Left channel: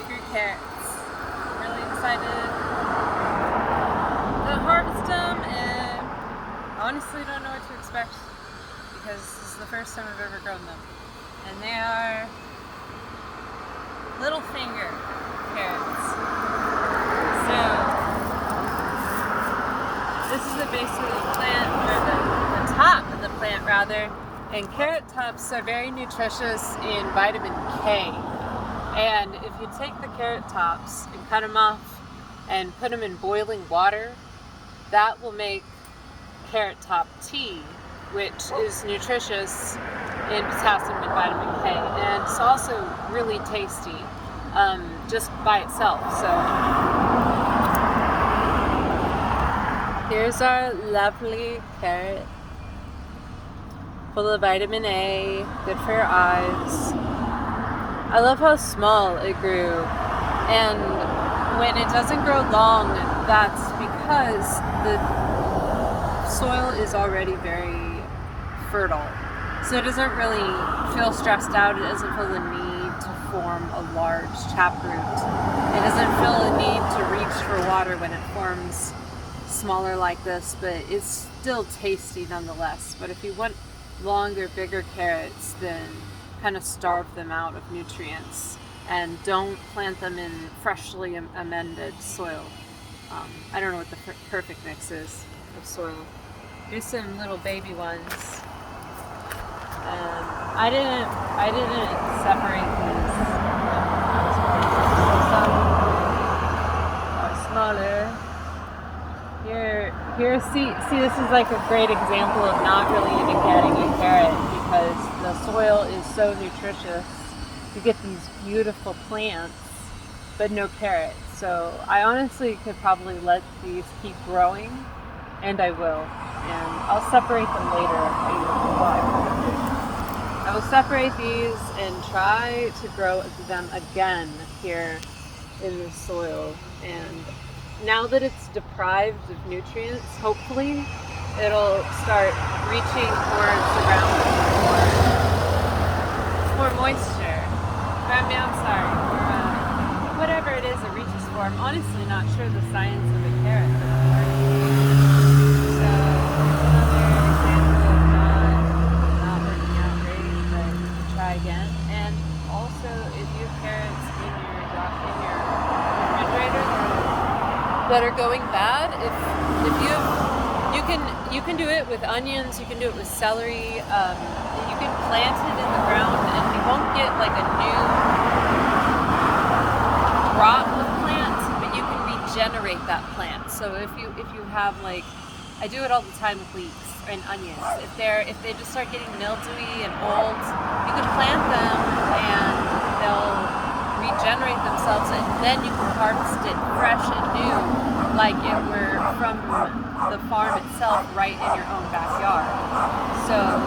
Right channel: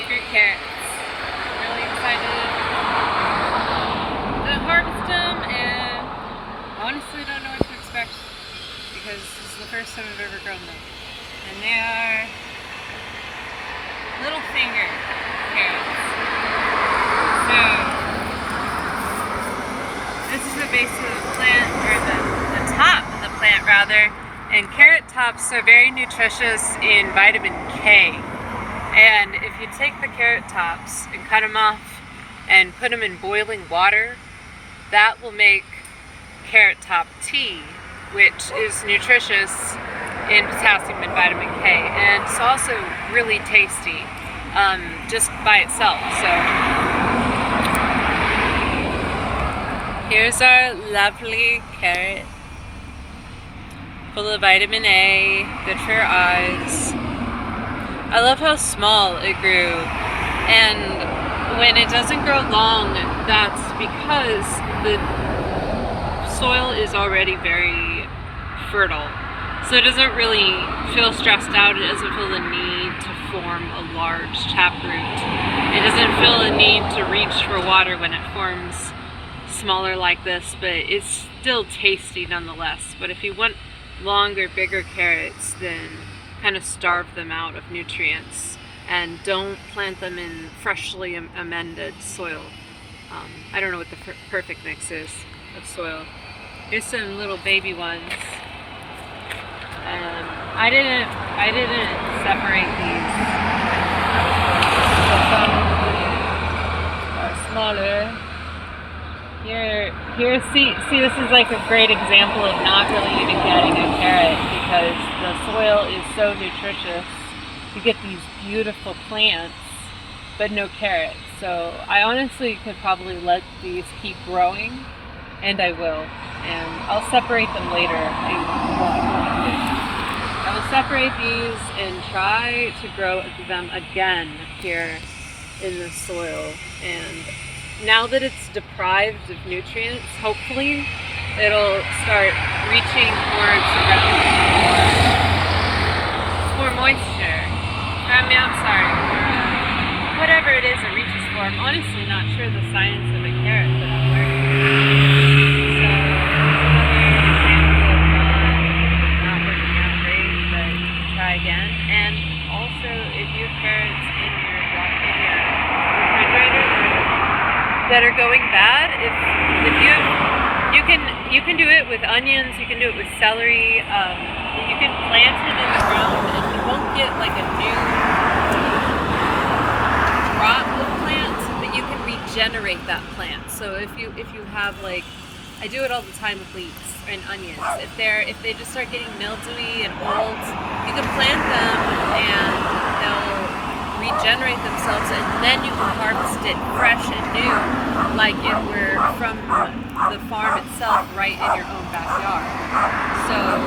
I grew carrots. I'm really excited to harvest them, and honestly don't know what to expect because this is the first time I've ever grown them. And they are little finger carrots. So this is the base of the plant, or the top of the plant rather, and carrot tops are very nutritious in vitamin K. And if you take the carrot tops and cut them off and put them in boiling water, that will make carrot top tea, which is nutritious in potassium and vitamin K. And it's also really tasty just by itself. So here's our lovely carrot, full of vitamin A, good for your eyes. I love how small it grew, and when it doesn't grow long, that's because the soil is already very fertile. So it doesn't really feel stressed out, it doesn't feel the need to form a large taproot. It doesn't feel a need to reach for water when it forms smaller like this, but it's still tasty nonetheless. But if you want longer, bigger carrots, then kind of starve them out of nutrients and don't plant them in freshly amended soil. I don't know what the perfect mix is of soil. Here's some little baby ones. I didn't separate these when I was growing. So some are smaller. Here, see, this is like a great example of not really even getting a carrot because the soil is so nutritious. You get these beautiful plants, but no carrots. So I honestly could probably let these keep growing, and I will. And I'll separate them later. I will separate these and try to grow them again here in the soil. And now that it's deprived of nutrients, hopefully it'll start reaching towards around more moisture. Whatever it is it reaches for. I'm honestly not sure the science of a carrot, but I'm learning. So another example of not working out great, but you can try again. And also, if you have carrots in your refrigerator that are going bad, if you can do it with onions, you can do it with celery, you can plant it in the ground and you won't get like a new crop of plants, but you can regenerate that plant. So if you have, like, I do it all the time with leeks and onions. If they just start getting mildewy and old, you can plant them and they'll regenerate themselves, and then you can harvest it fresh and new, like it were from the farm itself, right in your own backyard. So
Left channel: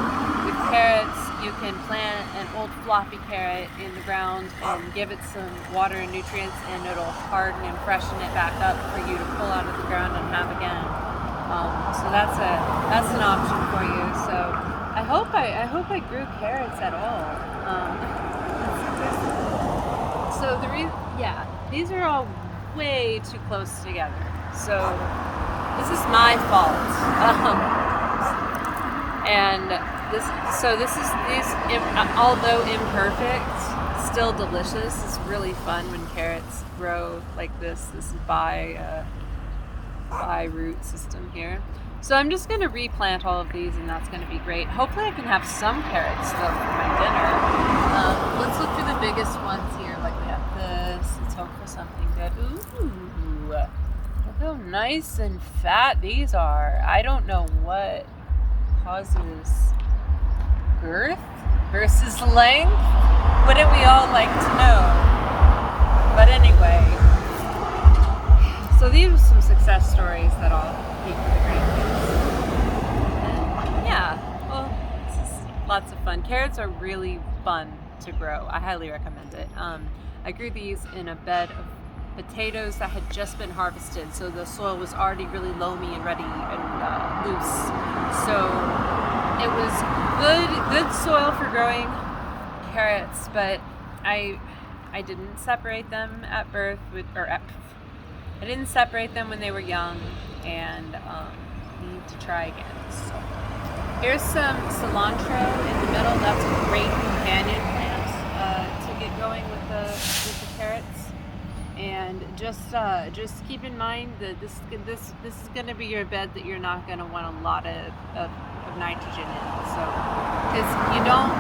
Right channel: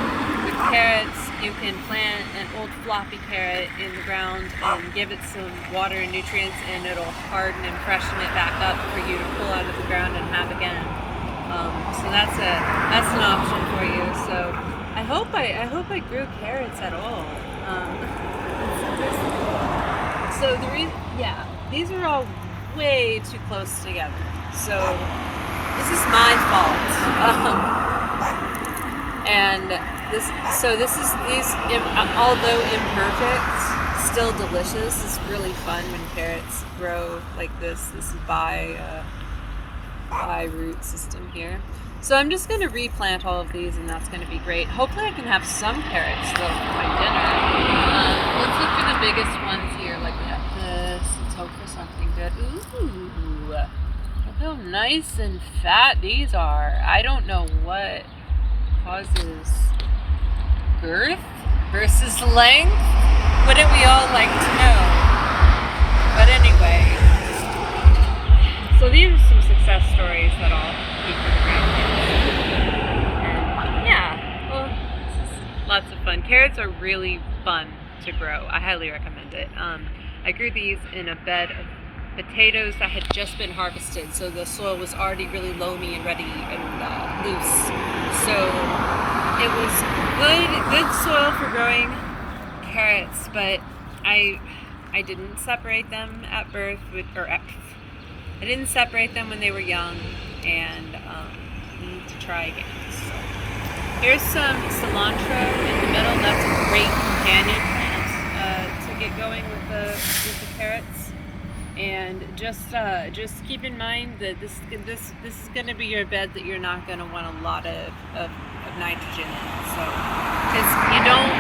with carrots, you can plant an old floppy carrot in the ground and give it some water and nutrients, and it'll harden and freshen it back up for you to pull out of the ground and have again. So that's an option for you. So I hope I grew carrots at all. So these are all way too close together. So this is my fault. And these, although imperfect, still delicious. It's really fun when carrots grow like this. This is by root system here. So I'm just going to replant all of these, and that's going to be great. Hopefully I can have some carrots though for my dinner. Let's look for the biggest ones here. Like we have this. Let's hope for something good. Ooh, look how nice and fat these are. I don't know what causes girth versus length. Wouldn't we all like to know? But anyway, so these are some success stories that I'll keep for the grandkids. And yeah, well, this is lots of fun. Carrots are really fun to grow. I highly recommend it. I grew these in a bed of potatoes that had just been harvested, so the soil was already really loamy and ready and loose. So it was good soil for growing carrots, but I I didn't separate them at birth, I didn't separate them when they were young, and need to try again. So here's some cilantro in the middle. That's a great companion plant to get going with the carrots. And just keep in mind that this is going to be your bed that you're not going to want a lot of nitrogen in. So because you don't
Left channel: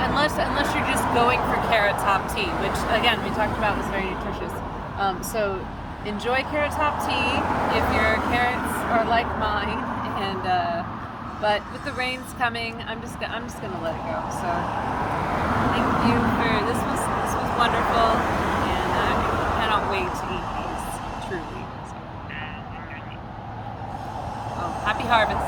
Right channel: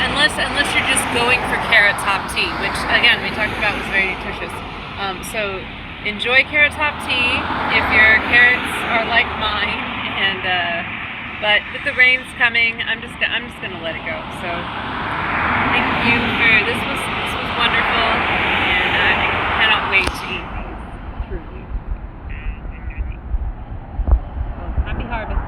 unless you're just going for carrot top tea, which again we talked about was very nutritious. So enjoy carrot top tea if your carrots are like mine. And but with the rains coming, I'm just gonna let it go. So thank you for this was wonderful, and I cannot wait to eat these, truly. So, happy harvest.